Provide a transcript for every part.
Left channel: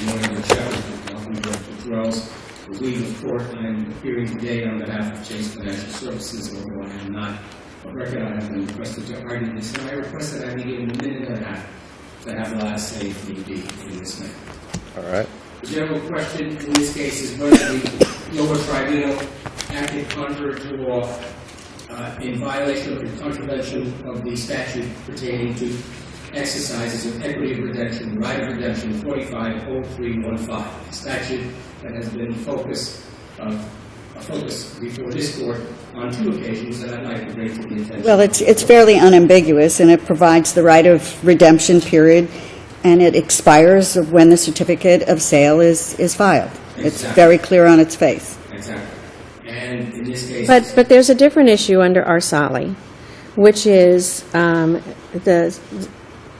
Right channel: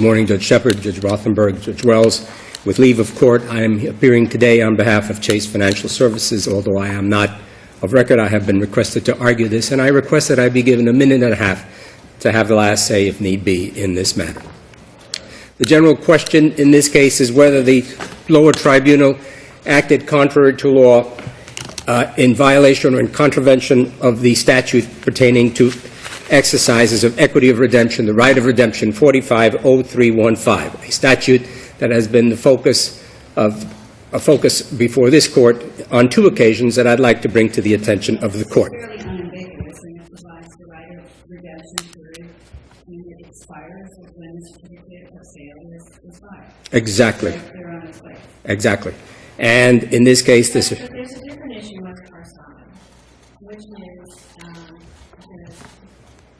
Good morning, Judge Shepard, Judge Rothenberg, Judge Wells. With leave of court, I am appearing today on behalf of Chase Financial Services. Although I am not of record, I have been requested to argue this, and I request that I be given a minute and a half to have the last say, if need be, in this matter. All right. The general question in this case is whether the lower tribunal acted contrary to law in violation or in contravention of the statute pertaining to exercises of equity of redemption, the right of redemption 450315, a statute that has been the focus before this court on two occasions that I'd like to bring to the attention of the court. Well, it's fairly unambiguous, and it provides the right of redemption period, and it expires when the certificate of sale is filed. Exactly. It's very clear on its face. Exactly. And in this case... But there's a different issue under Arsali, which is the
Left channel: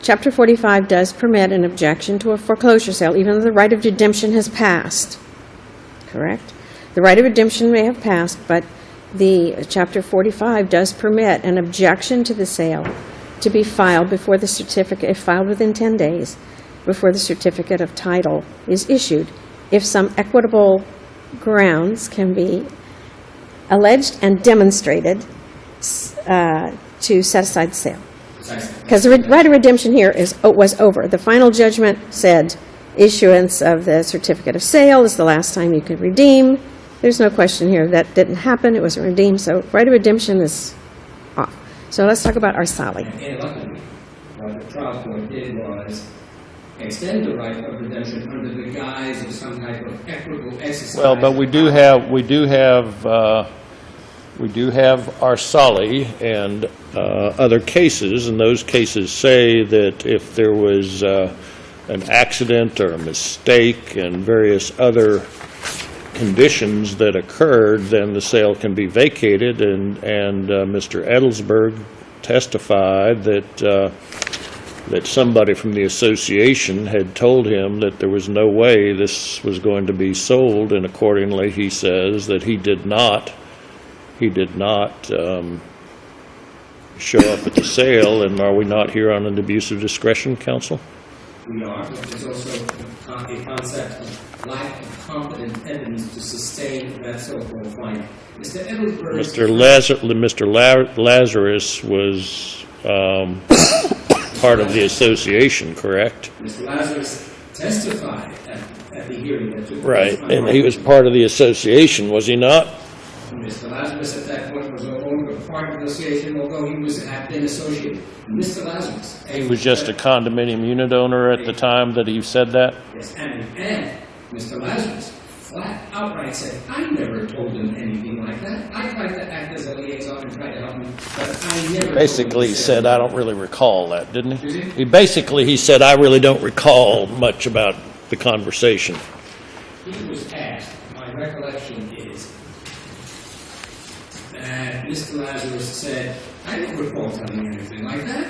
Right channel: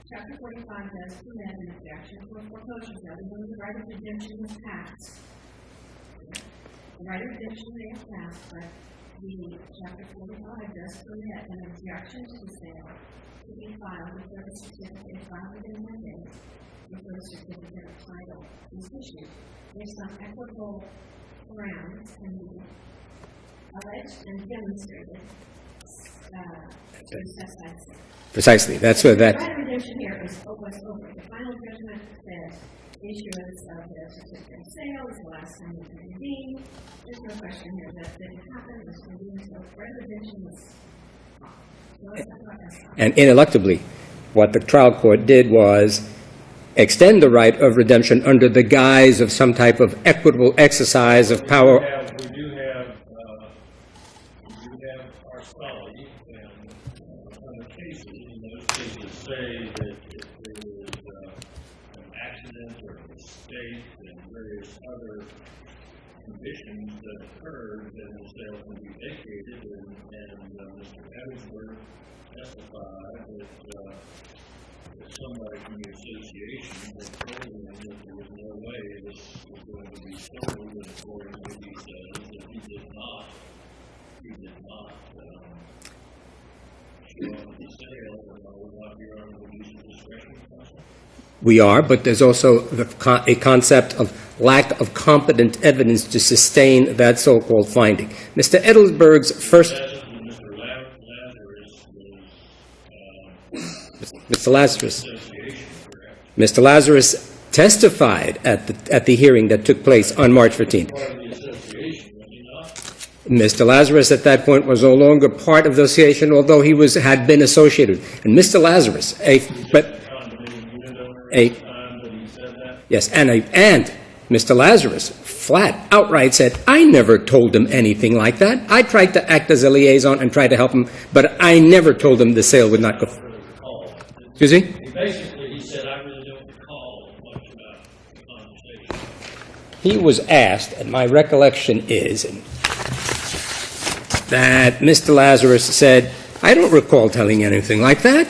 Chapter 45 does permit an objection to a foreclosure sale, even though the right of redemption has passed. Correct? The right of redemption may have passed, but the Chapter 45 does permit an objection to the sale to be filed before the certificate, if filed within 10 days, before the certificate of title is issued, if some equitable grounds can be alleged and demonstrated to set aside the sale. Precisely. Because the right of redemption here was over. The final judgment said issuance of the certificate of sale is the last time you could redeem. There's no question here that didn't happen. It wasn't redeemed. So right of redemption is off. So let's talk about Arsali. And ineluctably, what the trial court did was extend the right of redemption under the guise of some type of equitable exercise of power. We do have Arsali and other cases, and those cases say that if there was an accident or a mistake and various other conditions that occurred, then the sale can be vacated. And Mr. Edelsberg testified that somebody from the association had told him that there was no way this was going to be sold, and accordingly, he says that he did not show up at the sale. And are we not here on an abuse of discretion, counsel? We are, but there's also a concept of lack of competent evidence to sustain that so-called finding. Mr. Edelsberg's Mr. Lazarus was part of the association, correct? Mr. Lazarus testified at the hearing that took place on March 15th. He was part of the association, was he not? Mr. Lazarus at that point was no longer part of the association, although he had been associated. And Mr. Lazarus... He was just a condominium unit owner at the time that he said that? Yes, and Mr. Lazarus outright said, I never told him anything like that. I tried to act as a liaison and try to help him, but I never told him the sale would not... I don't really recall that, didn't he? Excuse me? He said, I really don't recall much about the conversation. He was asked, and my recollection is that Mr. Lazarus said, I don't recall telling anything like that.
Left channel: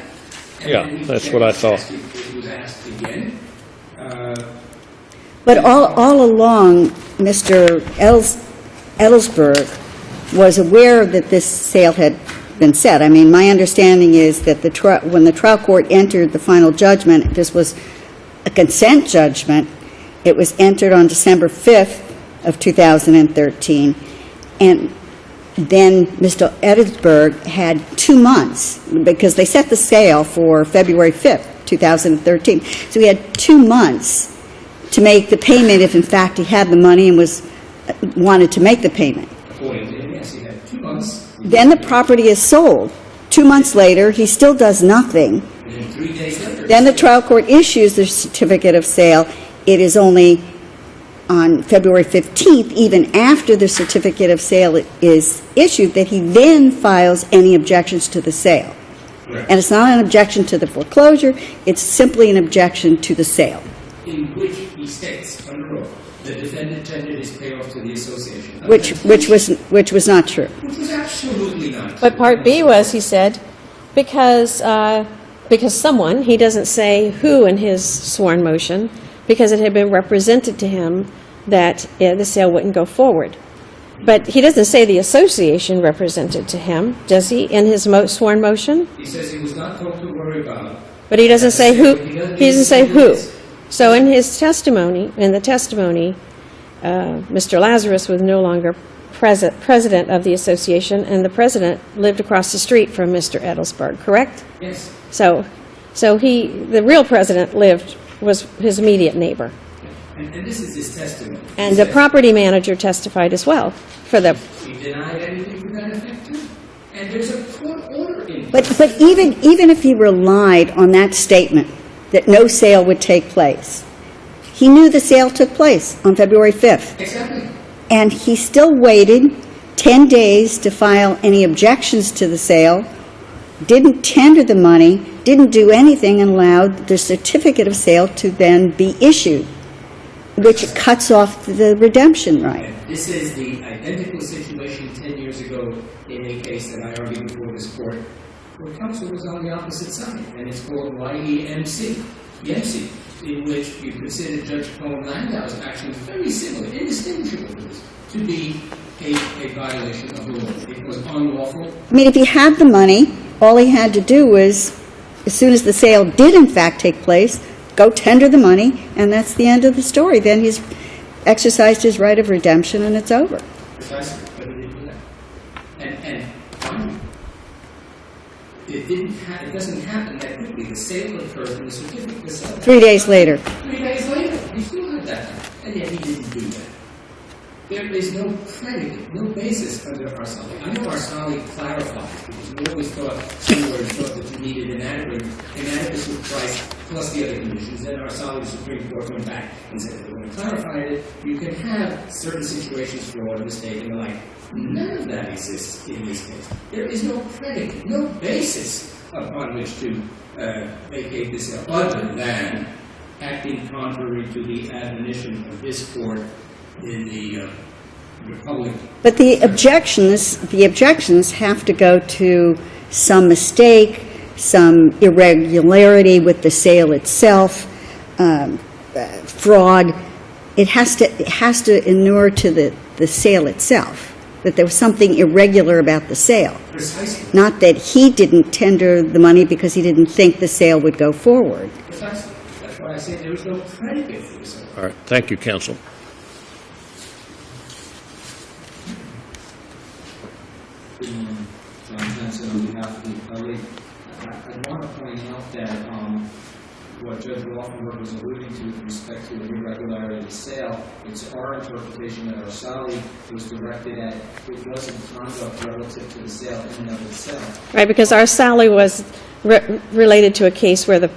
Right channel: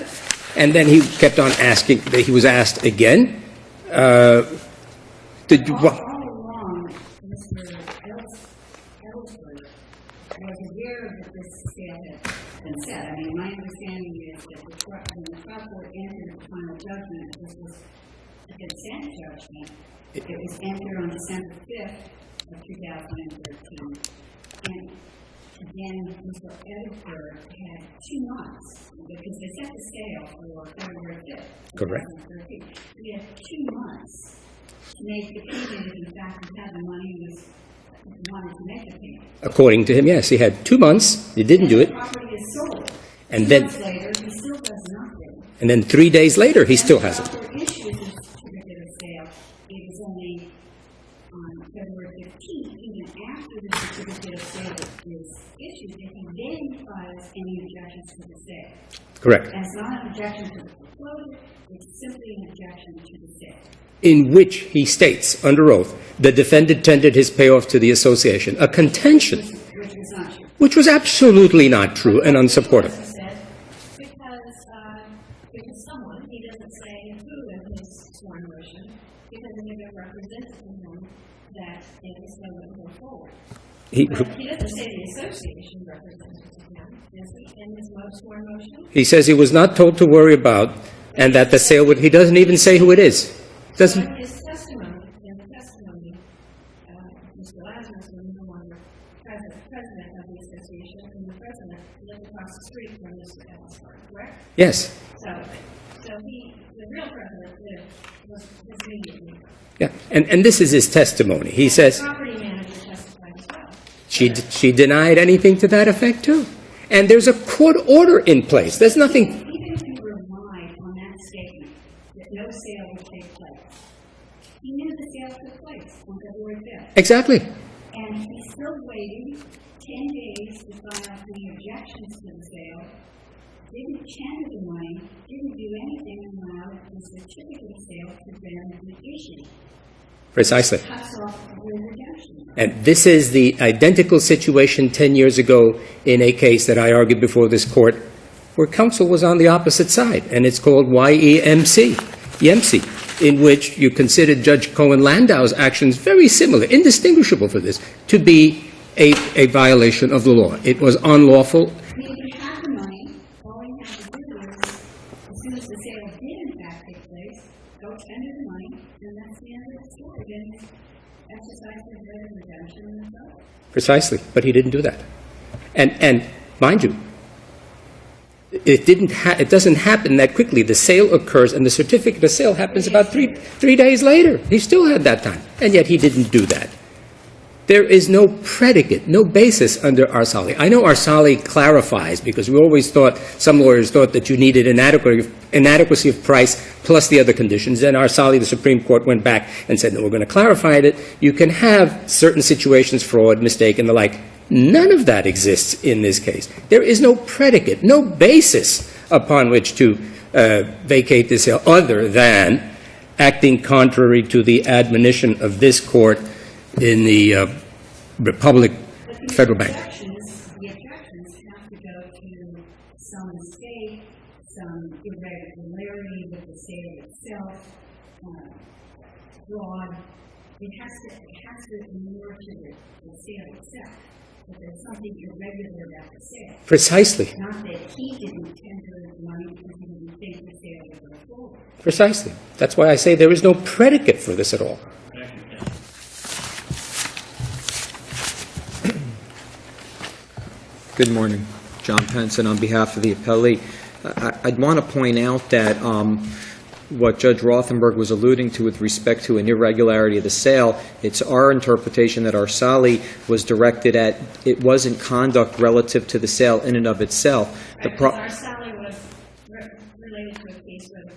And then he kept on asking, he was asked again. But all along, Mr. Edelsberg was aware that this sale had been set. I mean, my understanding is that when the trial court entered the final judgment, this was a consent judgment. It was entered on December 5th of 2013, and then Mr. Edelsberg had 2 months, because they set the sale for February 5th, 2013. So he had 2 months to make the payment if, in fact, he had the money and wanted to make the payment. According to him, yes. He had 2 months. He didn't Then do the it. property is sold. 2 months later, he still does nothing. And then 3 days later, he Then still the trial has. court issues the certificate of sale. It is only on February 15th, even after the certificate of sale is issued, that he then files any objections to the sale. Correct. And it's not an objection to the foreclosure, it's simply an objection to the sale. In which he states, under oath, the defendant tendered his payoff to the association. Which was not true. Which was absolutely not true. But part and B unsupported. was, he said, because someone, he doesn't say who in his sworn motion, because it had been represented to him that the sale wouldn't go forward. But he doesn't say the association represented to him, does he, in his sworn motion? He says he was not told to worry about. But he doesn't say who. He doesn't even say who it is. So in his testimony, Mr. Lazarus was no longer president of the association, and the president lived across the street from Mr. Edelsberg, correct? Yes. So the real president was his immediate neighbor. Yeah. And this is his testimony. He And says the property manager testified as well. she denied anything to that effect, too. And there's a court order in place. But There's nothing. even if he relied on that statement that no sale would take place, he knew the sale took place on February 5th. Exactly. And he still waited 10 days to file any objections to the sale, didn't tender the money, didn't do anything, and allowed the certificate of sale to then be issued, Precisely. which cuts off the redemption right. And this is the identical situation 10 years ago in a case that I argued before this court where counsel was on the opposite side, and it's called YEMC, in which you considered Judge Cohen-Landau's actions very similar, indistinguishable for this, to be a violation of the law. It was unlawful. I mean, if he had the money, all he had to do was, as soon as the sale did in fact take place, go tender the money, and that's the end of the story. Then he's exercised his right of redemption, and it's over. Precisely, but he didn't do that. And mind you, it doesn't happen that quickly. The sale occurs, and the certificate of sale happens 3 days about later. 3 days later. He still had that time, and yet he didn't do that. There is no predicate, no basis under Arsali. I know Arsali clarifies, because we always thought, some lawyers thought that you needed inadequacy of price plus the other conditions. Then Arsali, the Supreme Court, went back and said, no, we're going to clarify that you can have certain situations, fraud, mistake, and the like. None of that exists in this case. There is no predicate, no basis upon which to vacate the sale other than acting contrary to the admonition of this court in the Republic. But the Federal Bank. objections have to go to some mistake, some irregularity with the sale itself, fraud. It has to inure to the sale itself, that there was something irregular about the sale. Precisely. Not that he didn't tender the money because he didn't think the sale would go forward. Precisely. That's why I say there is no predicate for this at all. All right. Thank you, counsel. Good morning. John Penson on behalf of the appellee. I'd want to point out that what Judge Rothenberg was alluding to with respect to an irregularity of the sale, it's our interpretation that Arsali was directed at, it wasn't conduct relative to the sale in and of itself. Right, because Arsali was related to a case where the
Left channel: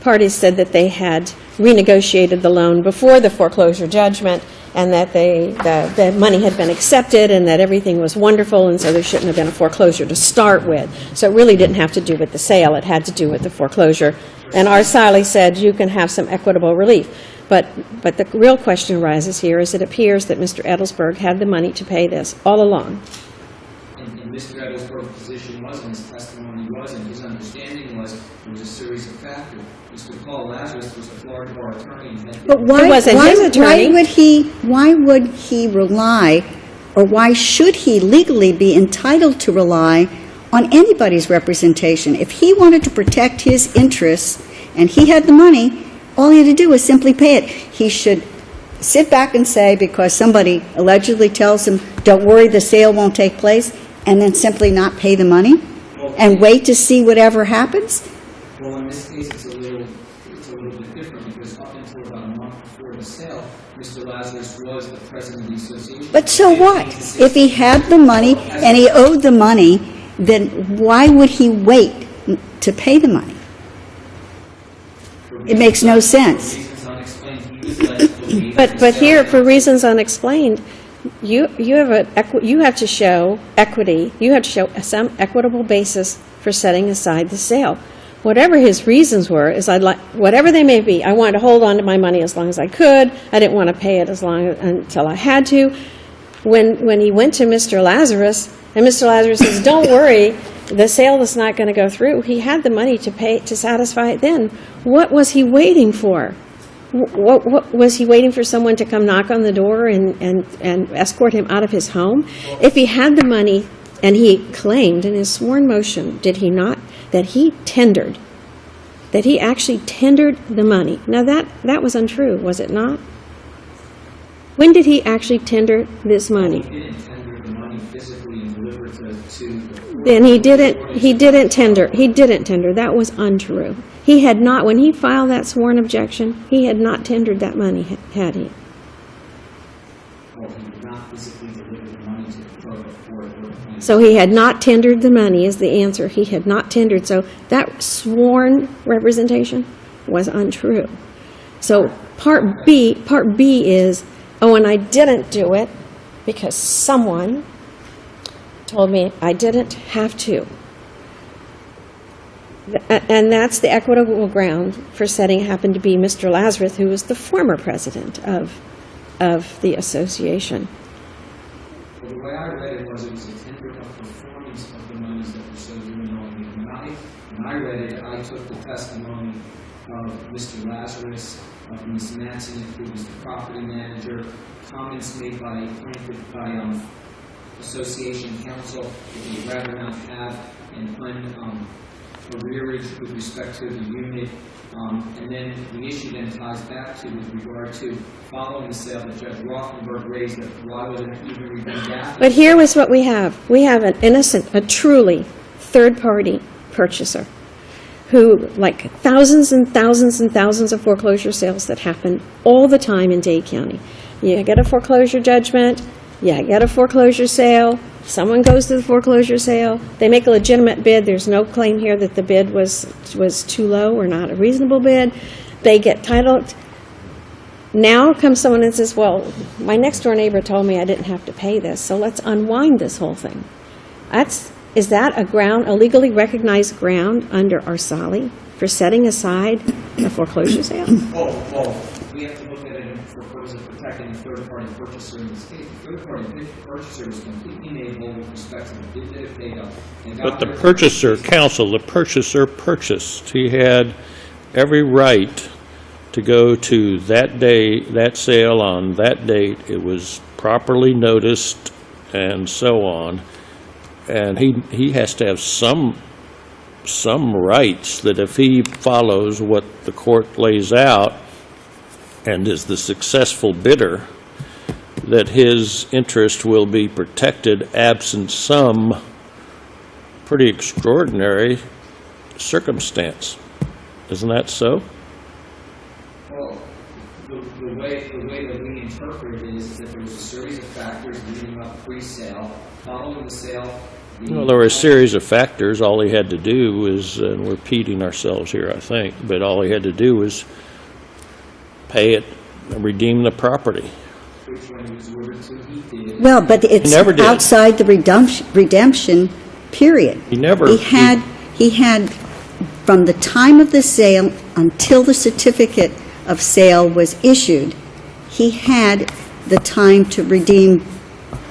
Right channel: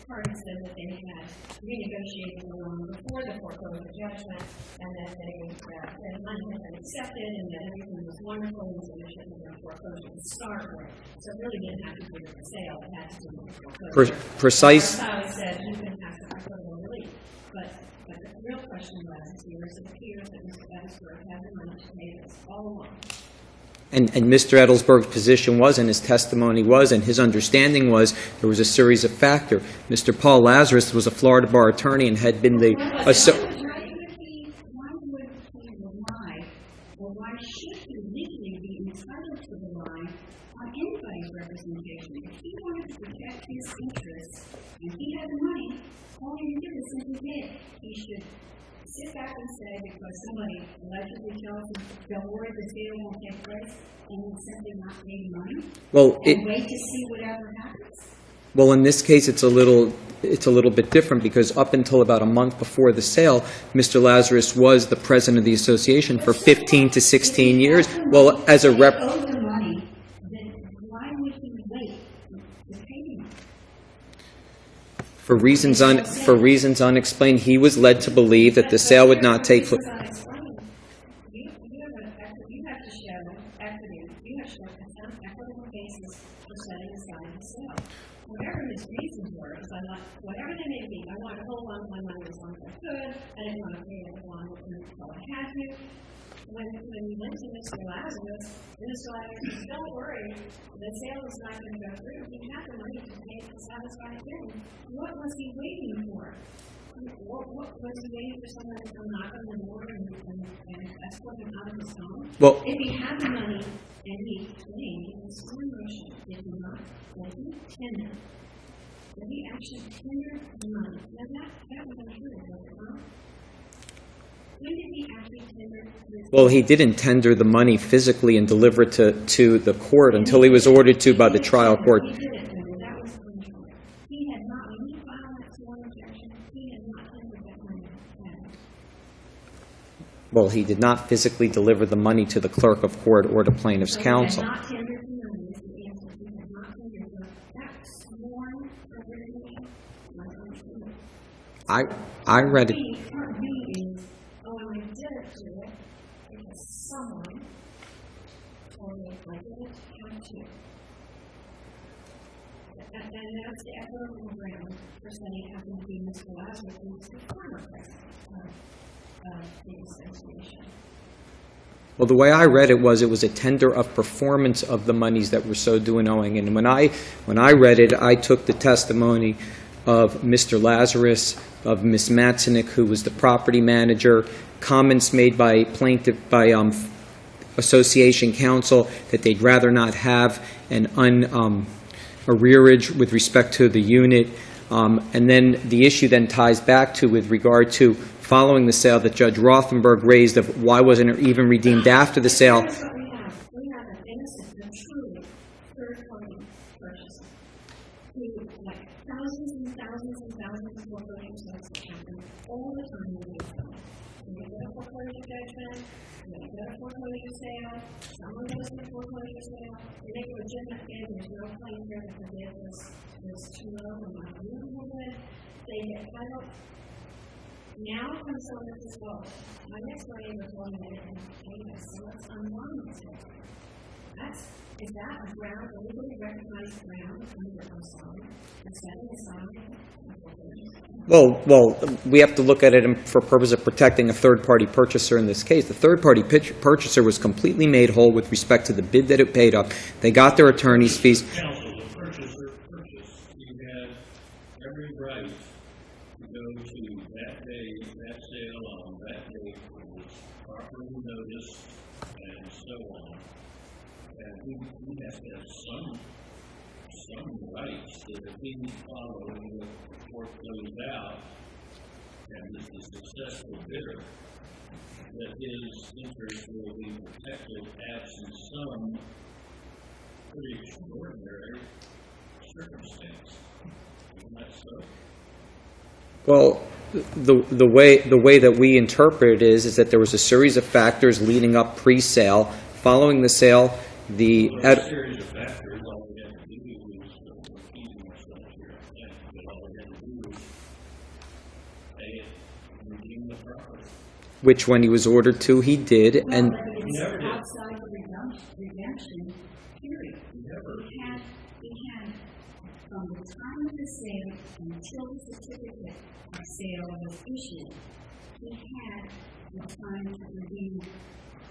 parties said that they had renegotiated the loan before the foreclosure judgment, and that the money had been accepted and that everything was wonderful, and so there shouldn't have been a foreclosure to start with. So it really didn't have to do with the sale. It had to do with the foreclosure. And Arsali said you can have some equitable relief. But the real question arises here is it appears that Mr. Edelsberg had the money to pay this all along. And Mr. Edelsberg's position was, and his testimony was, and his understanding was, there was a series of factors. Mr. Paul Lazarus was a Florida bar attorney and had been But why would he rely, or why should he legally be entitled to rely on anybody's representation? If he wanted to protect his interests and he had the money, all he had to do was simply pay it. He should sit back and say, because somebody allegedly tells him, don't worry, the sale won't take place, and then simply not pay the money and wait to see whatever happens? Well, in this case, it's a little bit different, because up until about a month before the sale, Mr. Lazarus was the president of the association for 15 to 16 years. If he had the money and he owed the money, then why would he wait to pay the money? For reasons makes no sense. For reasons unexplained, he was led to believe that the sale would not take place. But here, for reasons unexplained, you have to show equity. You have to show some equitable basis for setting aside the sale. Whatever his reasons were, whatever they may be, I wanted to hold on to my money as long as I could. I didn't want to pay it until I had to. When he went to Mr. Lazarus, and Mr. Lazarus says, "Don't worry, the sale is not going to go through," he had the money to pay to satisfy it then. What was he waiting for? What was he waiting for someone to come knock on the door and escort him out of his home? Well, if he had the money, and he claimed in his sworn motion, did he not, that he tendered that he actually tendered the money. Now, that was untrue, was it not? When did he actually tender this money? Well, he didn't tender the money physically and deliver it to the court Then until he was ordered to by the trial court. He didn't tender. That was untrue. He had not, when he filed that sworn objection, he had not tendered that money, had he? Well, he did not physically deliver the money to the clerk of court or to plaintiff's So counsel. he had not tendered the money is the answer. He had not tendered. So that sworn representation was untrue. So Part B is, oh, and I didn't do it because someone told me I didn't have to. And that's the equitable ground for setting, happened to be Mr. Lazarus, who was the former president of the association. Well, the way I read it was a tender of performance of the monies that were so due and owing. And when I read it, I took the testimony of Mr. Lazarus, of Ms. Matzenik, who was the property manager, comments made by association counsel that they'd rather not have an arrearage with respect to the unit. And then the issue then ties back to, with regard to following the sale, that Judge Rothenberg raised of why wasn't it even redeemed after the But sale. here is what we have. We have an innocent, a truly third-party purchaser who, like thousands and thousands and thousands of foreclosure sales that happen all the time in Dade County. You get a foreclosure judgment, you get a foreclosure sale, someone goes to the foreclosure sale, they make a legitimate bid, there's no claim here that the bid was too low or not a reasonable bid, they get title. Now comes someone and says, well, my next door neighbor told me I didn't have to pay this, so let's unwind this whole thing. Is that a legally recognized ground under Arsali for setting aside a foreclosure sale? Well, we have to look at it for purpose of protecting a third-party purchaser in this case. The third-party purchaser was completely made whole with respect to the bid that it paid up. They got their attorney's fees. The purchaser purchased. He had every right to go to that day, that sale on that date. It was properly noticed and so on. And he has to have some rights that if he follows what the court lays out and is the successful bidder, that his interest will be protected absent some pretty extraordinary circumstance. Isn't that so? Well, the way that we interpret it is that there was a series of factors leading up pre-sale. Following the sale, Well, there were a series of factors. All he had to do was, and we're repeating ourselves here, I think, but all he had to do was pay it and redeem the property. which when he was ordered to, he did. Well, and- but it's never did. outside the redemption period. He never- He had, from the time of the sale until the certificate of sale was issued, he had the time to redeem,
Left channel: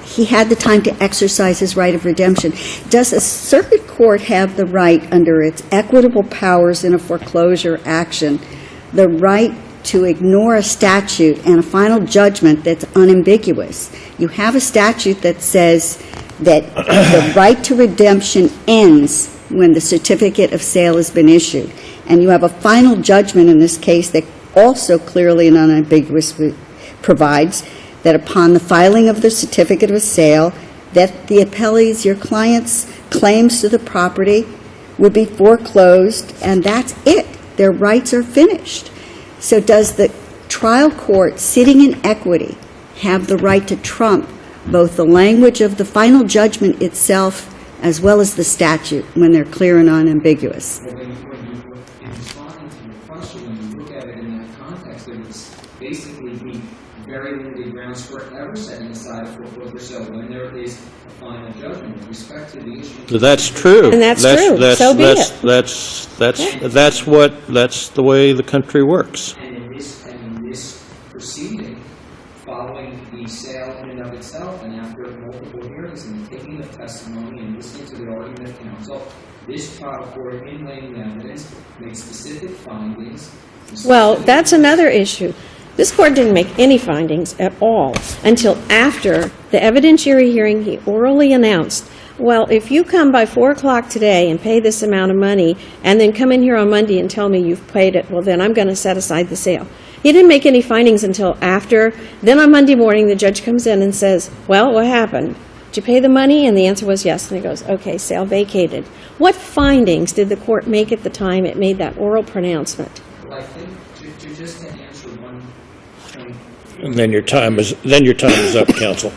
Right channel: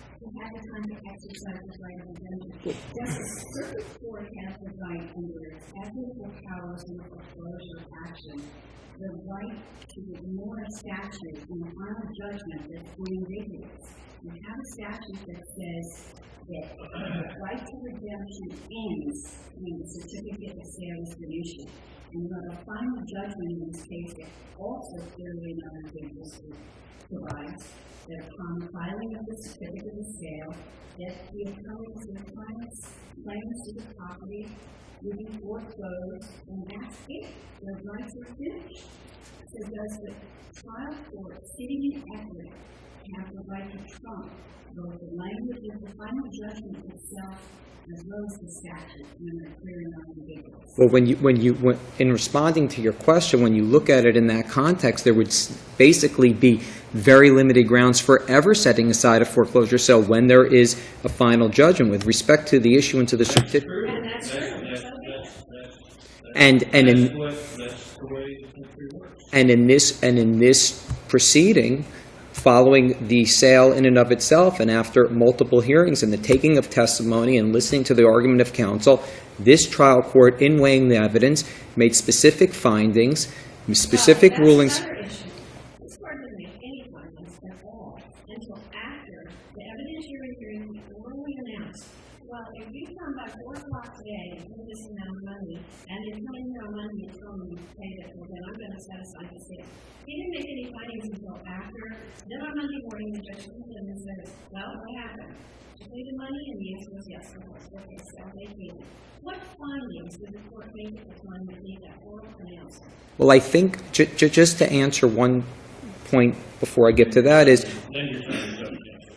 he had the time to exercise his right of redemption. Does a circuit court have the right, under its equitable powers in a foreclosure action, the right to ignore a statute and a final judgment that's unambiguous? You have a statute that says that the right to redemption ends when the certificate of sale has been issued. And you have a final judgment in this case that also clearly and unambiguously provides that upon the filing of the certificate of sale, that the appellee's, your client's claims to the property would be foreclosed, and that's it. Their rights are finished. So does the trial court, sitting in equity, have the right to trump both the language of the final judgment itself as well as the statute when they're clear and unambiguous? Well, in responding to your question, when you look at it in that context, there would basically be very limited grounds for ever setting aside a foreclosure sale when there is a final judgment with respect to the issuance of the That's certificate. true. And that's true. So be it. That's the way the country works. And in this proceeding, following the sale in and of itself, and after multiple hearings and the taking of testimony and listening to the argument of counsel, this trial court, in weighing the evidence, made specific findings, Well, specific that's rulings. another issue. This court didn't make any findings at all until after the evidentiary hearing. He orally announced, well, if you come by 4 o'clock today and pay this amount of money, and then come in here on Monday and tell me you've paid it, well, then I'm going to set aside the sale. He didn't make any findings until after. Then on Monday morning, the judge comes in and says, well, what happened? Did you pay the money? And the answer was yes. And he goes, okay, sale vacated. What findings did the court make at the time it made that oral pronouncement? Well, I think, just to answer one point before I Then get to your that time is, then your time is up, counsel.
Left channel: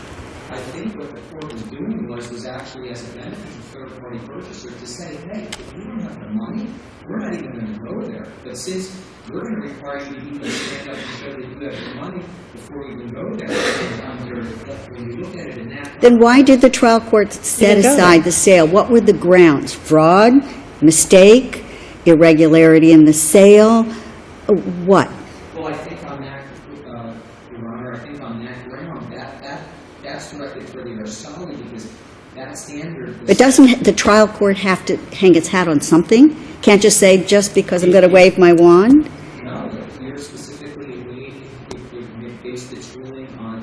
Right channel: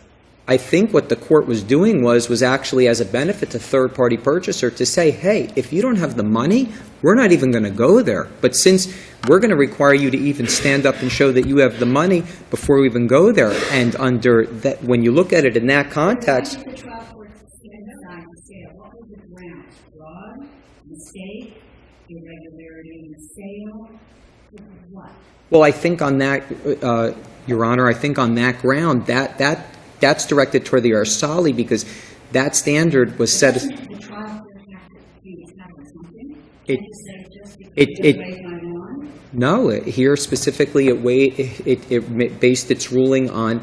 I think what the court was doing was actually as a benefit to third-party purchaser to say, hey, if you don't have the money, we're not even going to go there. But since we're going to require you to even stand up and show that you have the money before we even go there. And under that, when you look at it in that context. Then why did the trial court set didn't go aside there. the sale? What were the grounds? Fraud, mistake, irregularity in the sale? What? Well, I think on that, Your Honor, I think on that ground, that's directed toward the Arsali because that standard was But set. doesn't the trial court have to hang its hat on something? Can't just say, just because I'm going to wave my wand? No, here specifically, it based its ruling on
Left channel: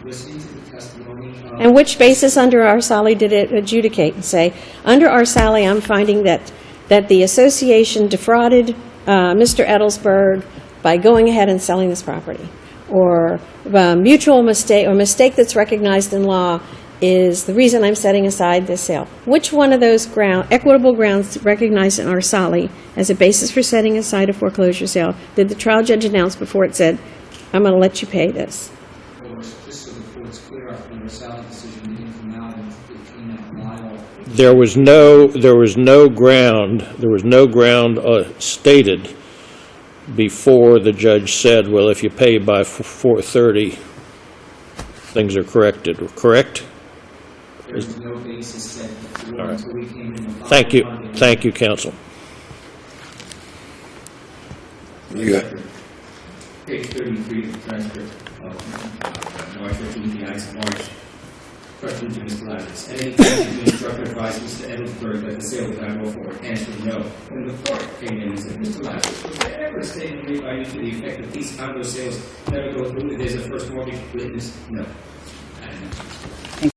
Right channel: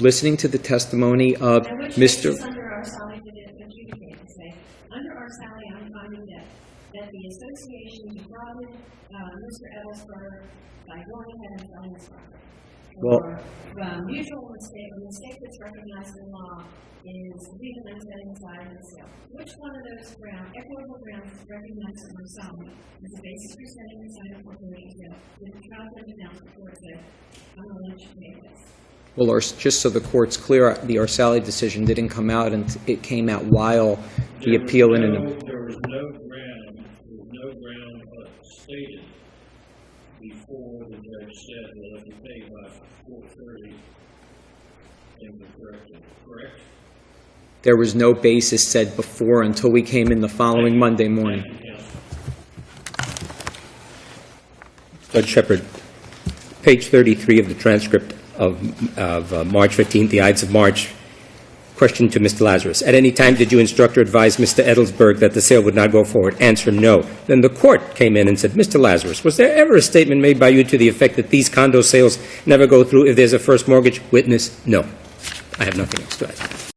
listening to the testimony of. And which Mr. basis under Arsali did it adjudicate and say, under Arsali, I'm finding that the association defrauded Mr. Edelsberg by going ahead and selling this property? Or mutual mistake, or mistake that's recognized in law is the reason I'm setting aside this sale. Which one of those equitable grounds recognized in Arsali as a basis for setting aside a foreclosure sale did the trial judge announce before it said, I'm going to let you pay this? Well, just so the court's clear, the Arsali decision didn't come out, and it came out while There the was appeal- no ground stated before the judge said, well, if you pay by 4:30, things are corrected, correct? There was no basis said before until we came in the Thank following you. Monday morning. Thank you, counsel. Judge Shepard, page 33 of the transcript of March 15th, the Ides of March. Question to Mr. Lazarus. At any time did you instruct or advise Mr. Edelsberg that the sale would not go forward? Answer, no. Then the court came in and said, Mr. Lazarus, was there ever a statement made by you to the effect that these condo sales never go through if there's a first mortgage? Witness, no. I have nothing else to add.